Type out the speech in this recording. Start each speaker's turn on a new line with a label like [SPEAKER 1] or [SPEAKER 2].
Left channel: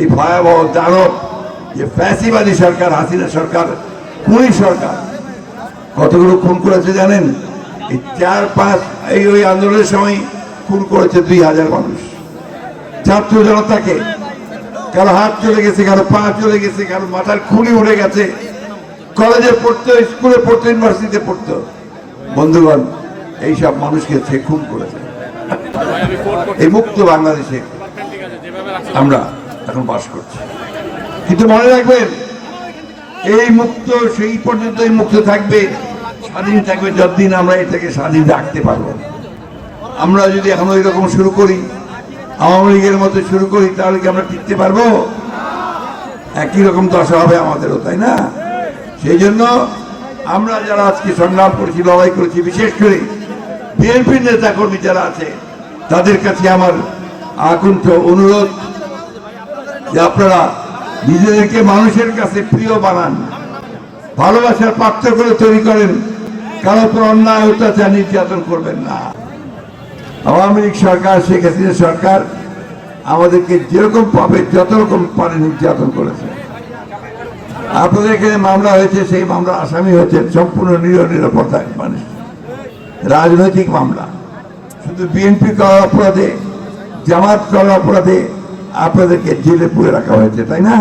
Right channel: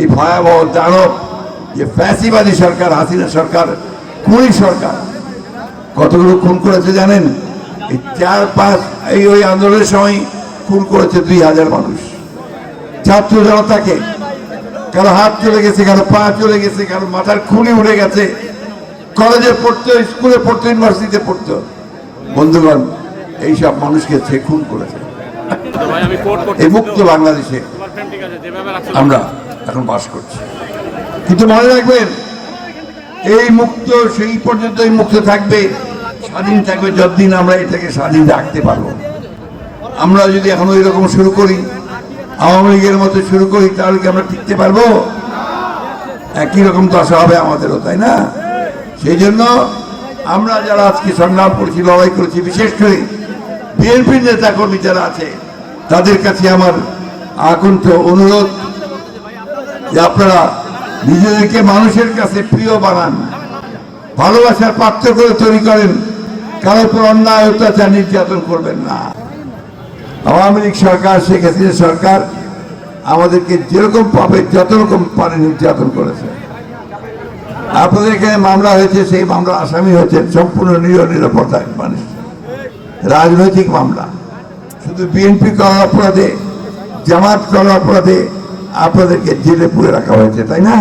[SPEAKER 1] এই ভয়াবহ দানব যে ফ্যাসিবাদী সরকার, হাসিনা সরকার, খুনি সরকার, কতগুলো খুন করেছে জানেন? এই চার পাঁচ, এই ওই আন্দোলনের সময় খুন করেছে দুই হাজার মানুষ। ছাত্র জনতাকে কারও হাত চলে গেছে, কারও পা চলে গেছে, কারও মাথার খুনি উঠে গেছে। কলেজে পড়তো, স্কুলে পড়তো, ইউনিভার্সিটিতে পড়তো। বন্ধুগণ এইসব মানুষকে সে খুন করেছে। এই মুক্ত বাংলাদেশে আমরা এখন বাস করছি। কিন্তু মনে রাখবেন, এই মুক্ত, সেই পর্যন্তই মুক্ত থাকবে, স্বাধীন থাকবে যতদিন আমরা এটাকে স্বাধীন রাখতে পারব। আমরা যদি এখন ওই রকম শুরু করি, আওয়ামী লীগের মতো শুরু করি, তাহলে কি আমরা টিকতে পারব? একই রকম দশা হবে আমাদেরও, তাই না? সেই জন্য আমরা যারা আজকে সংগ্রাম করেছি, লড়াই করেছি, বিশেষ করে বিএনপির নেতা কর্মী যারা আছে, তাদের কাছে আমার আকণ্ঠ অনুরোধ যে আপনারা নিজেদেরকে মানুষের কাছে প্রিয় বানান, ভালোবাসার পাত্র করে তৈরি করেন, কারোর উপর অন্যায়, অত্যাচার, নির্যাতন করবেন না। আওয়ামী লীগ সরকার, শেখ হাসিনা সরকার আমাদেরকে যেরকম পাবে, যত রকম পারে নির্যাতন করেছে। আপনাদের এখানে মামলা হয়েছে, সেই মামলা আসামি হয়েছে সম্পূর্ণ নিরীহ নিরাপত্তার মানুষ। রাজনৈতিক মামলা। শুধু বিএনপি করার অপরাধে, জামাত করার অপরাধে আপনাদেরকে জেলে পুরে রাখা হয়েছে তাই না?